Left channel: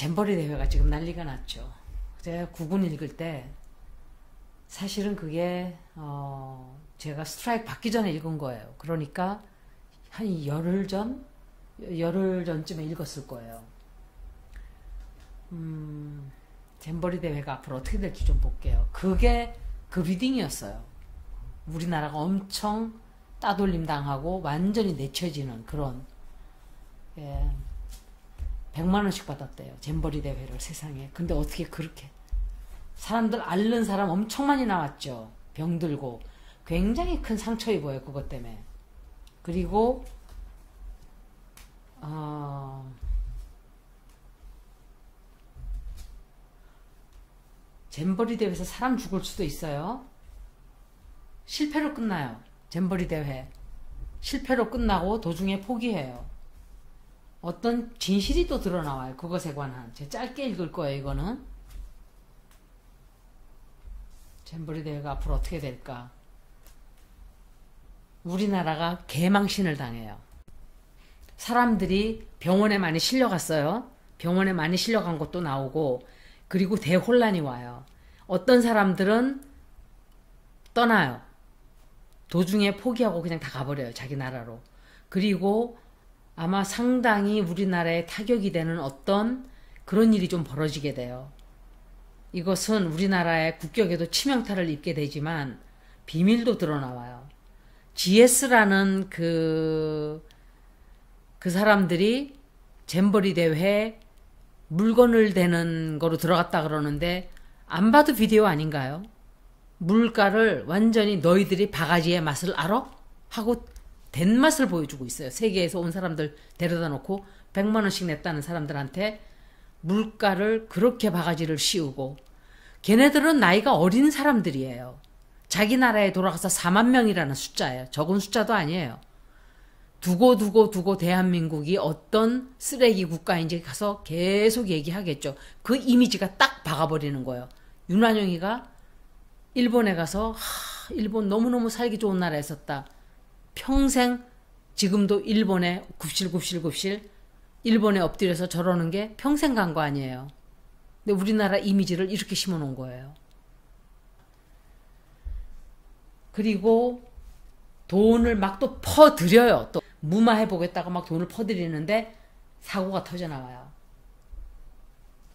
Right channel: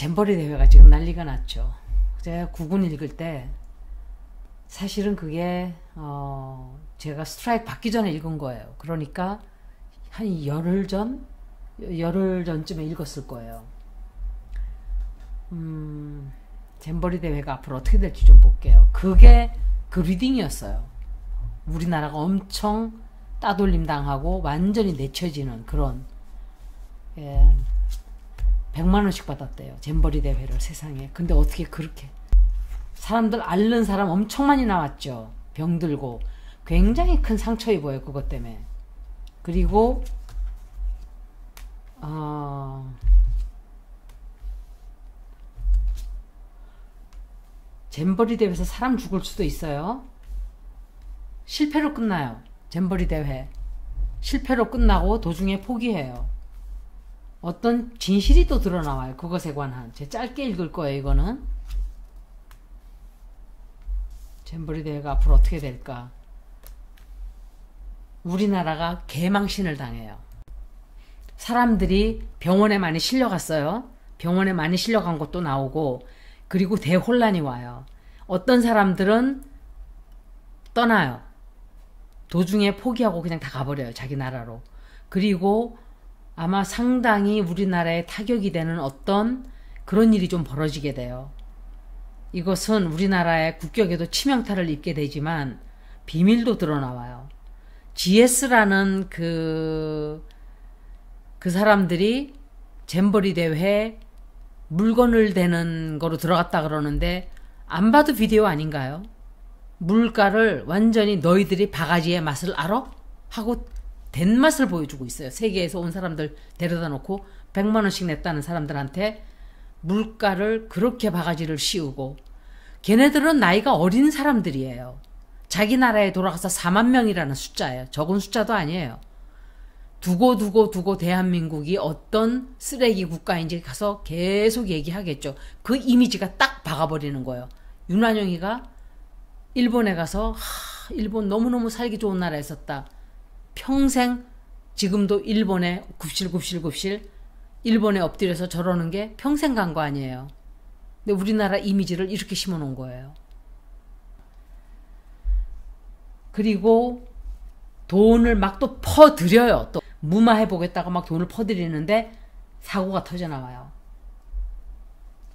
잼버리 대회가 지금 난리가 났죠. 제가 국군 읽을 때 사실은 그게 제가 스트라이크 받기 전에 읽은 거예요. 그러니까 한 열흘 전쯤에 읽었을 거예요. 잼버리 대회가 앞으로 어떻게 될지 좀 볼게요. 그게 그 리딩이었어요. 우리나라가 엄청 따돌림 당하고 완전히 내쳐지는 그런 100만 원씩 받았대요. 잼버리 대회를 세상에. 근데 어떻게 그렇게 사람들 앓는 사람 엄청 많이 나왔죠. 병들고 굉장히 큰 상처 입어요. 그것 때문에. 그리고 잼버리 대회에서 사람 죽을 수도 있어요. 실패로 끝나요. 잼버리 대회 실패로 끝나고 도중에 포기해요. 어떤 진실이 또 드러나와요. 그것에 관한. 제가 짧게 읽을 거예요. 이거는 잼버리 대회가 앞으로 어떻게 될까. 우리나라가 개망신을 당해요. 사람들이 병원에 많이 실려갔어요. 병원에 많이 실려간 것도 나오고, 그리고 대혼란이 와요. 어떤 사람들은 떠나요. 도중에 포기하고 그냥 다 가버려요. 자기 나라로. 그리고 아마 상당히 우리나라에 타격이 되는 어떤 그런 일이 좀 벌어지게 돼요. 이것은 우리나라의 국격에도 치명타를 입게 되지만 비밀도 드러나와요. GS라는 그 사람들이 잼버리 대회에 물건을 대는 거로 들어갔다 그러는데 안 봐도 비디오 아닌가요? 물가를 완전히 너희들이 바가지의 맛을 알아? 하고 된 맛을 보여주고 있어요. 세계에서 온 사람들 데려다 놓고 100만 원씩 냈다는 사람들한테 물가를 그렇게 바가지를 씌우고, 걔네들은 나이가 어린 사람들이에요. 자기 나라에 돌아가서 4만 명이라는 숫자예요. 적은 숫자도 아니에요. 두고 대한민국이 어떤 쓰레기 국가인지 가서 계속 얘기하겠죠. 그 이미지가 딱 박아버리는 거예요. 윤완영이가 일본에 가서 일본 너무너무 살기 좋은 나라에 있었다. 평생 지금도 일본에 굽실굽실 일본에 엎드려서 저러는 게 평생 간 거 아니에요. 근데 우리나라 이미지를 이렇게 심어놓은 거예요. 그리고 돈을 막 또 퍼드려요. 또 무마해보겠다고 막 돈을 퍼드리는데 사고가 터져나와요.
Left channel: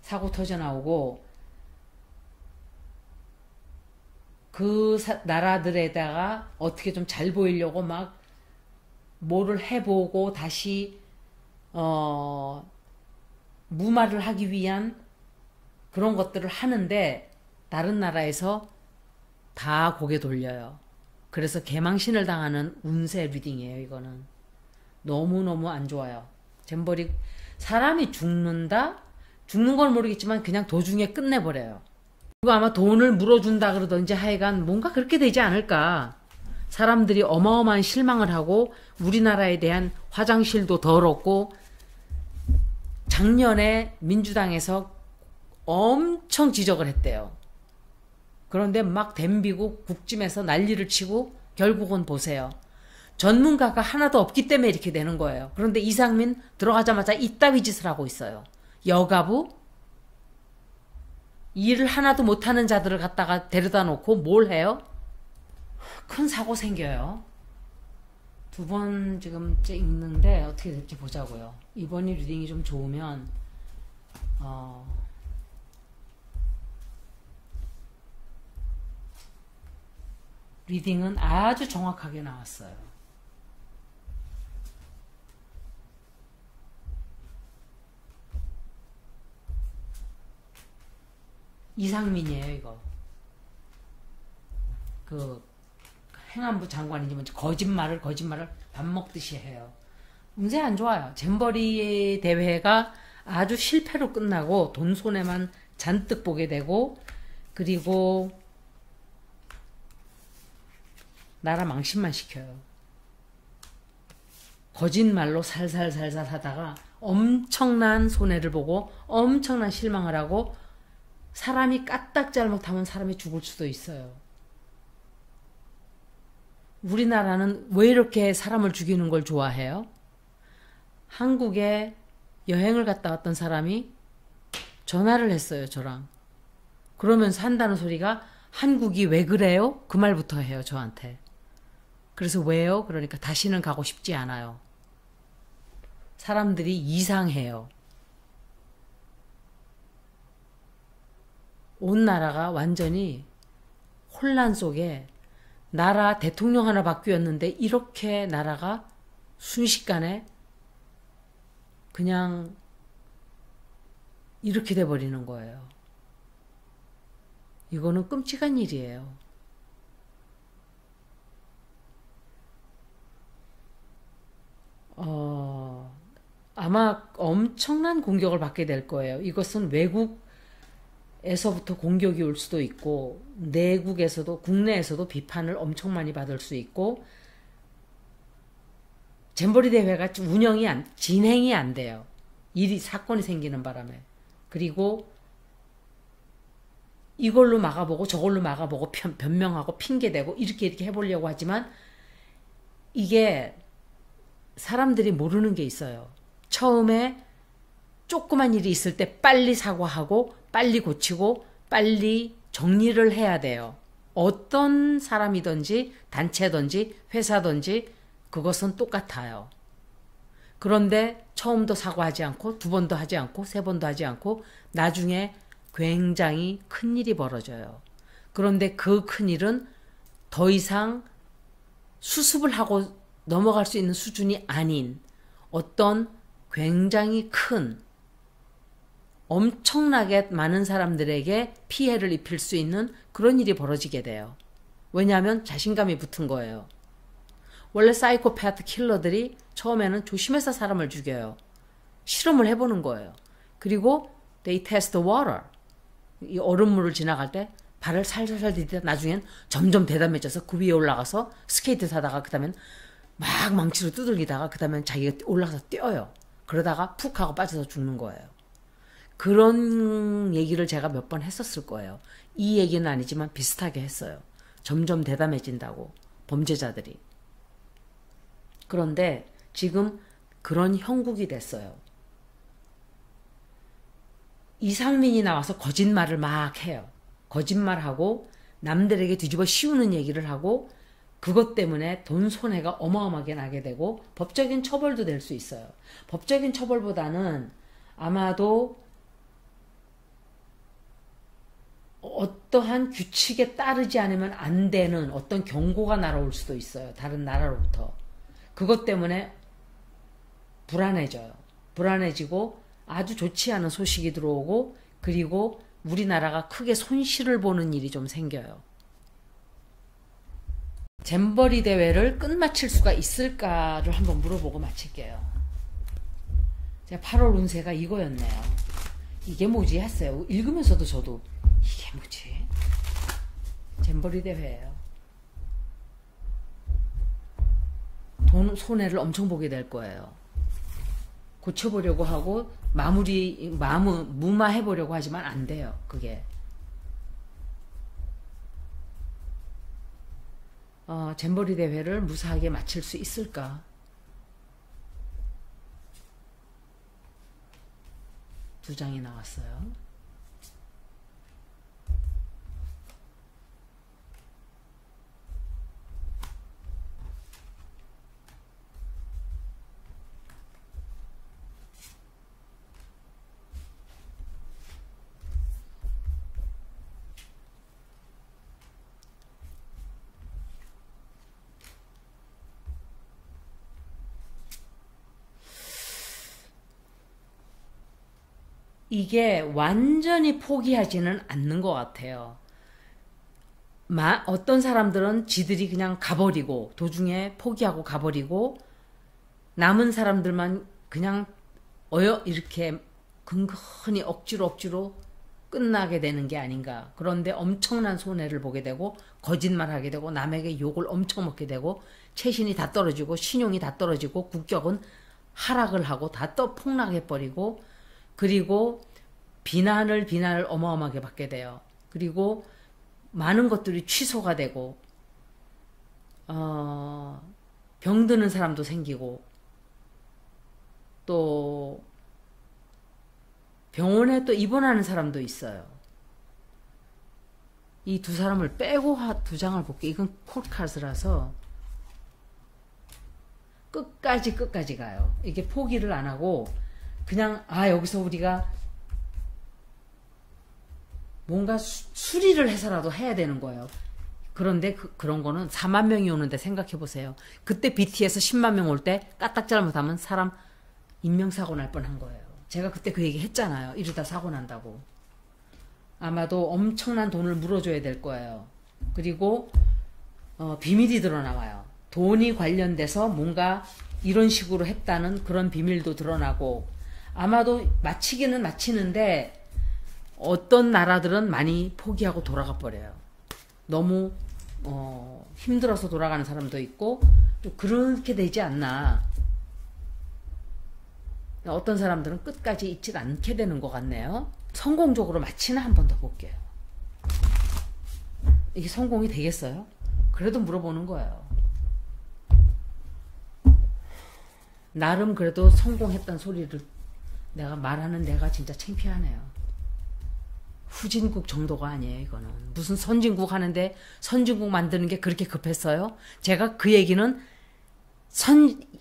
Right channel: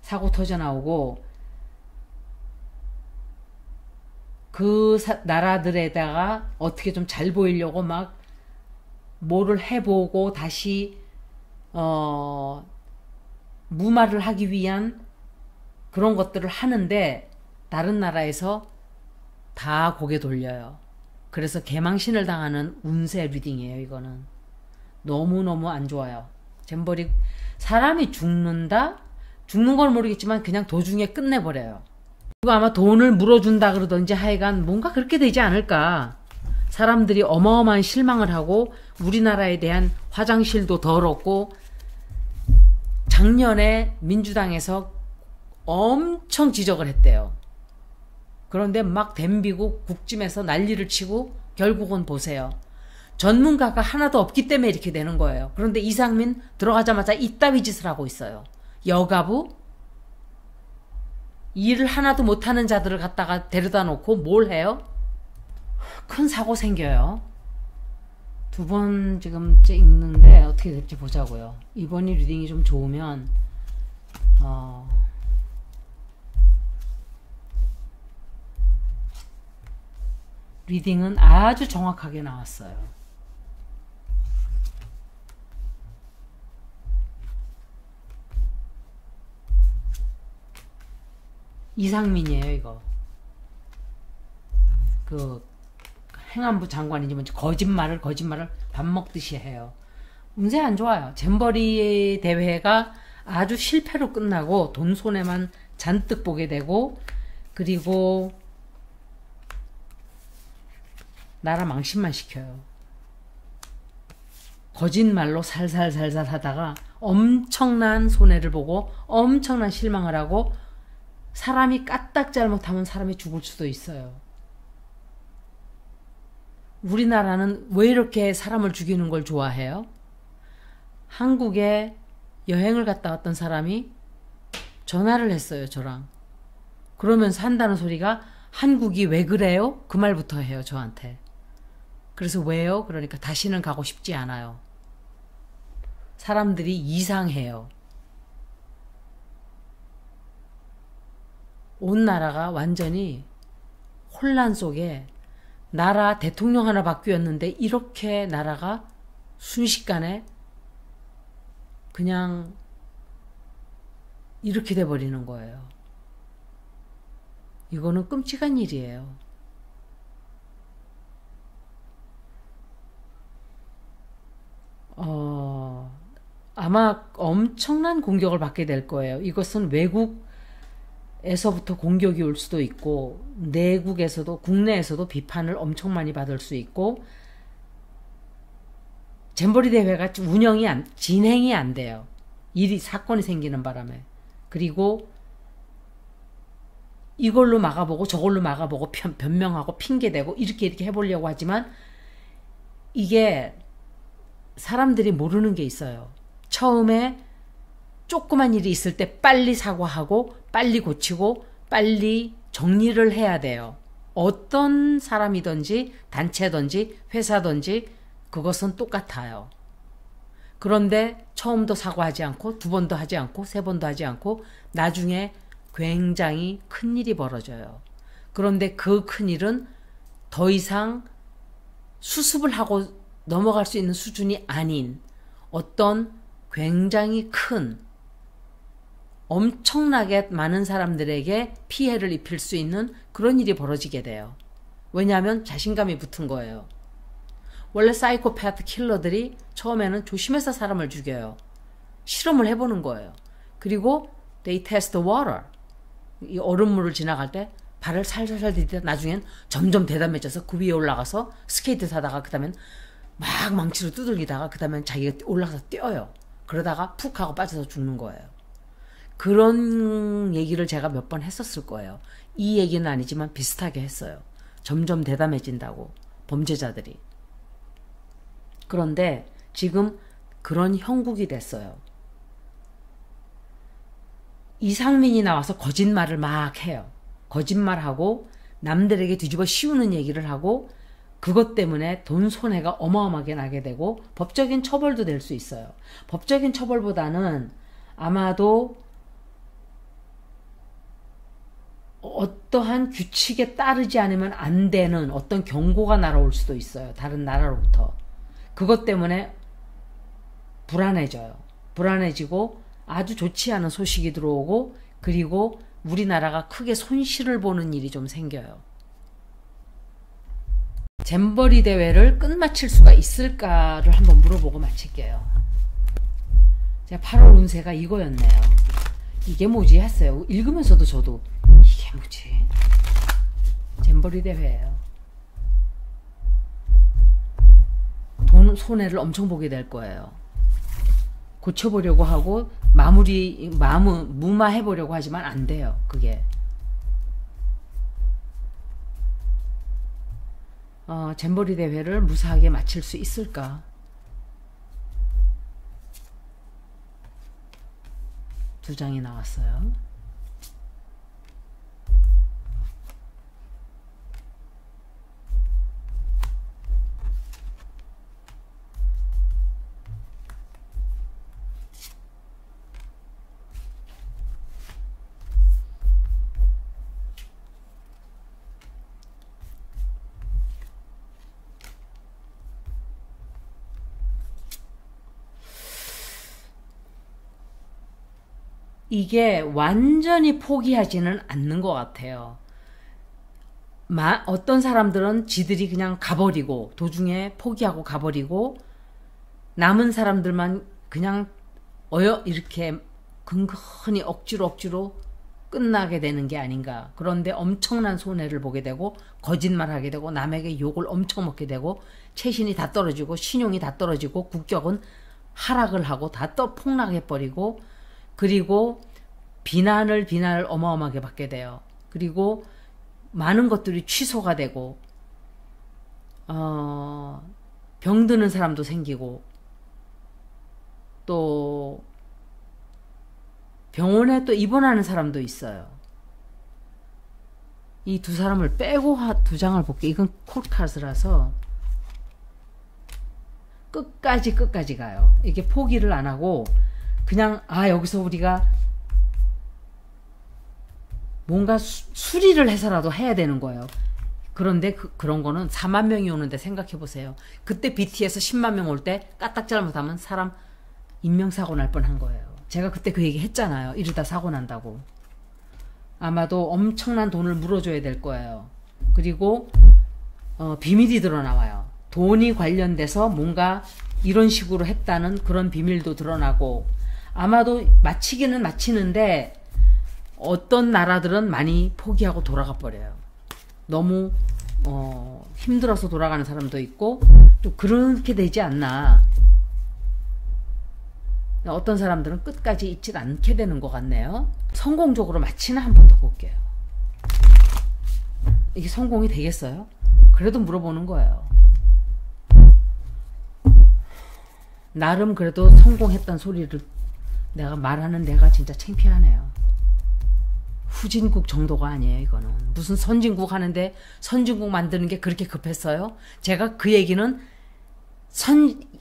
사고 터져나오고 그 나라들에다가 어떻게 좀 잘 보이려고 막 뭐를 해보고 다시 무마를 하기 위한 그런 것들을 하는데 다른 나라에서 다 고개 돌려요. 그래서 개망신을 당하는 운세 리딩이에요. 이거는 너무너무 안 좋아요. 잼버리 사람이 죽는다? 죽는 건 모르겠지만 그냥 도중에 끝내버려요. 그리고 아마 돈을 물어준다 그러던지 하여간 뭔가 그렇게 되지 않을까. 사람들이 어마어마한 실망을 하고 우리나라에 대한 화장실도 더럽고, 작년에 민주당에서 엄청 지적을 했대요. 그런데 막 덤비고 국짐에서 난리를 치고 결국은 보세요. 전문가가 하나도 없기 때문에 이렇게 되는 거예요. 그런데 이상민 들어가자마자 이따위 짓을 하고 있어요. 여가부? 일을 하나도 못하는 자들을 갖다가 데려다 놓고 뭘 해요? 큰 사고 생겨요. 두 번 지금 찍는데 어떻게 될지 보자고요. 이번이 리딩이 좀 좋으면 리딩은 아주 정확하게 나왔어요. 이상민이에요. 이거 그 행안부 장관인지 뭔지 거짓말을 밥 먹듯이 해요. 운세 안 좋아요. 잼버리 대회가 아주 실패로 끝나고 돈 손해만 잔뜩 보게 되고, 그리고 나라 망신만 시켜요. 거짓말로 살살살살 하다가 엄청난 손해를 보고 엄청난 실망을 하고, 사람이 까딱 잘못하면 사람이 죽을 수도 있어요. 우리나라는 왜 이렇게 사람을 죽이는 걸 좋아해요? 한국에 여행을 갔다 왔던 사람이 전화를 했어요, 저랑. 그러면서 한다는 소리가 한국이 왜 그래요? 그 말부터 해요, 저한테. 그래서 왜요? 그러니까 다시는 가고 싶지 않아요. 사람들이 이상해요. 온 나라가 완전히 혼란 속에 나라 대통령 하나 바뀌었는데 이렇게 나라가 순식간에 그냥 이렇게 돼버리는 거예요. 이거는 끔찍한 일이에요. 아마 엄청난 공격을 받게 될 거예요. 이것은 외국에서부터 공격이 올 수도 있고, 내국에서도, 국내에서도 비판을 엄청 많이 받을 수 있고, 잼버리 대회가 진행이 안 돼요. 사건이 생기는 바람에. 그리고 이걸로 막아보고 저걸로 막아보고 변명하고 핑계대고 이렇게 해보려고 하지만 이게 사람들이 모르는 게 있어요. 처음에 조그만 일이 있을 때 빨리 사과하고 빨리 고치고 빨리 정리를 해야 돼요. 어떤 사람이든지 단체든지 회사든지 그것은 똑같아요. 그런데 처음도 사과하지 않고 두 번도 하지 않고 세 번도 하지 않고 나중에 굉장히 큰일이 벌어져요. 그런데 그 큰일은 더 이상 수습을 하고 넘어갈 수 있는 수준이 아닌 어떤 굉장히 큰 엄청나게 많은 사람들에게 피해를 입힐 수 있는 그런 일이 벌어지게 돼요. 왜냐하면 자신감이 붙은 거예요. 원래 사이코패스 킬러들이 처음에는 조심해서 사람을 죽여요. 실험을 해보는 거예요. 그리고 they test the water. 이 얼음물을 지나갈 때 발을 살살살 디디다 나중엔 점점 대담해져서 그 위에 올라가서 스케이트 타다가 그 다음엔 막 망치로 두들기다가 그 다음엔 자기가 올라가서 뛰어요. 그러다가 푹 하고 빠져서 죽는 거예요. 그런 얘기를 제가 몇 번 했었을 거예요. 이 얘기는 아니지만 비슷하게 했어요. 점점 대담해진다고 범죄자들이. 그런데 지금 그런 형국이 됐어요. 이상민이 나와서 거짓말을 막 해요. 거짓말하고 남들에게 뒤집어 씌우는 얘기를 하고 그것 때문에 돈 손해가 어마어마하게 나게 되고 법적인 처벌도 될 수 있어요. 법적인 처벌보다는 아마도 어떠한 규칙에 따르지 않으면 안 되는 어떤 경고가 날아올 수도 있어요. 다른 나라로부터. 그것 때문에 불안해져요. 불안해지고 아주 좋지 않은 소식이 들어오고 그리고 우리나라가 크게 손실을 보는 일이 좀 생겨요. 잼버리 대회를 끝마칠 수가 있을까를 한번 물어보고 마칠게요. 제가 8월 운세가 이거였네요. 이게 뭐지 했어요. 읽으면서도 저도 이게 뭐지? 잼버리 대회예요. 돈 손해를 엄청 보게 될 거예요. 고쳐보려고 하고 무마해보려고 하지만 안 돼요. 그게. 잼버리 대회를 무사하게 마칠 수 있을까? 두 장이 나왔어요. 이게 완전히 포기하지는 않는 것 같아요. 어떤 사람들은 지들이 그냥 가버리고 도중에 포기하고 가버리고 남은 사람들만 그냥 이렇게 근근히 억지로 끝나게 되는 게 아닌가. 그런데 엄청난 손해를 보게 되고 거짓말하게 되고 남에게 욕을 엄청 먹게 되고 채신이 다 떨어지고 신용이 다 떨어지고 국격은 하락을 하고 다 폭락해버리고 그리고 비난을 어마어마하게 받게 돼요. 그리고 많은 것들이 취소가 되고 병드는 사람도 생기고 또 병원에 또 입원하는 사람도 있어요. 이 두 사람을 빼고 두 장을 볼게요. 이건 콜카스라서 끝까지 가요. 이게 포기를 안 하고 그냥 여기서 우리가 뭔가 수리를 해서라도 해야 되는 거예요. 그런데 그런 거는 4만 명이 오는데 생각해 보세요. 그때 BTS 10만 명 올 때 까딱 잘못하면 사람 인명사고 날 뻔한 거예요. 제가 그때 그 얘기 했잖아요. 이러다 사고 난다고. 아마도 엄청난 돈을 물어줘야 될 거예요. 그리고 비밀이 드러나와요. 돈이 관련돼서 뭔가 이런 식으로 했다는 그런 비밀도 드러나고, 아마도 마치기는 마치는데 어떤 나라들은 많이 포기하고 돌아가 버려요. 너무 힘들어서 돌아가는 사람도 있고, 또 그렇게 되지 않나. 어떤 사람들은 끝까지 잊지 않게 되는 것 같네요. 성공적으로 마치나 한 번 더 볼게요. 이게 성공이 되겠어요? 그래도 물어보는 거예요. 나름 그래도 성공했단 소리를 내가 말하는 내가 진짜 창피하네요. 후진국 정도가 아니에요, 이거는. 무슨 선진국 하는데 선진국 만드는 게 그렇게 급했어요? 제가 그 얘기는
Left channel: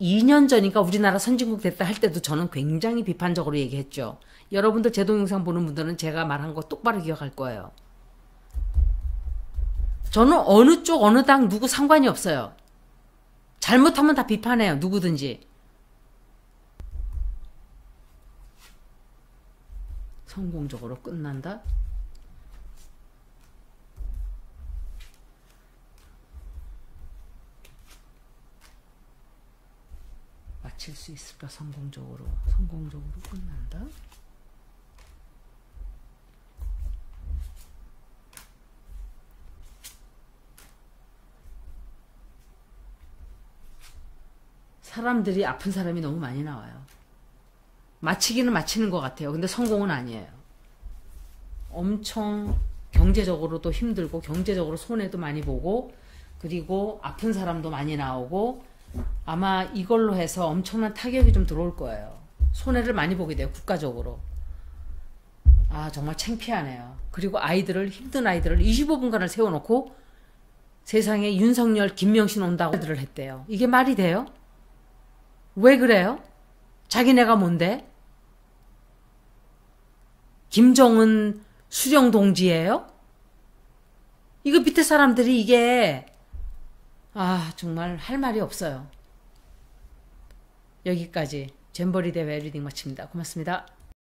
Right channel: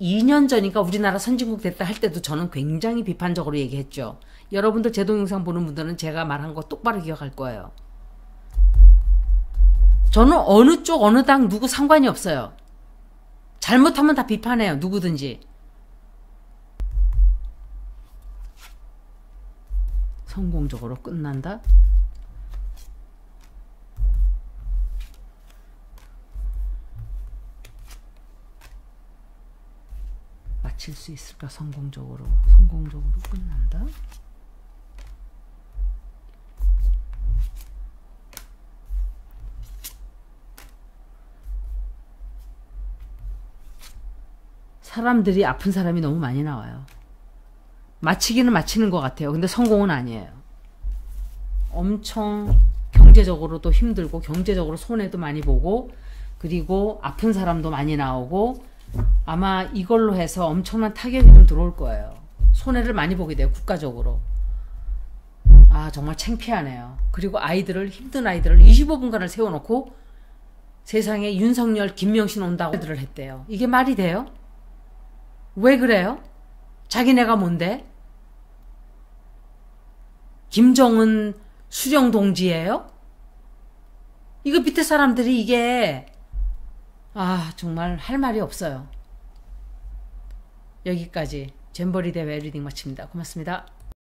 2년 전인가 우리나라 선진국 됐다 할 때도 저는 굉장히 비판적으로 얘기했죠. 여러분들 제 동영상 보는 분들은 제가 말한 거 똑바로 기억할 거예요. 저는 어느 쪽 어느 당 누구 상관이 없어요. 잘못하면 다 비판해요. 누구든지. 성공적으로 끝난다? 마칠 수 있을까? 성공적으로 끝난다? 사람들이 아픈 사람이 너무 많이 나와요. 마치기는 마치는 것 같아요. 근데 성공은 아니에요. 엄청 경제적으로도 힘들고 경제적으로 손해도 많이 보고, 그리고 아픈 사람도 많이 나오고, 아마 이걸로 해서 엄청난 타격이 좀 들어올 거예요. 손해를 많이 보게 돼요. 국가적으로. 정말 창피하네요. 그리고 힘든 아이들을 25분간을 세워놓고 세상에 윤석열, 김명신 온다고 애들을 했대요. 이게 말이 돼요? 왜 그래요? 자기네가 뭔데? 김정은 수령 동지예요? 이거 밑에 사람들이 이게 정말 할 말이 없어요. 여기까지 잼버리 대회 리딩 마칩니다. 고맙습니다.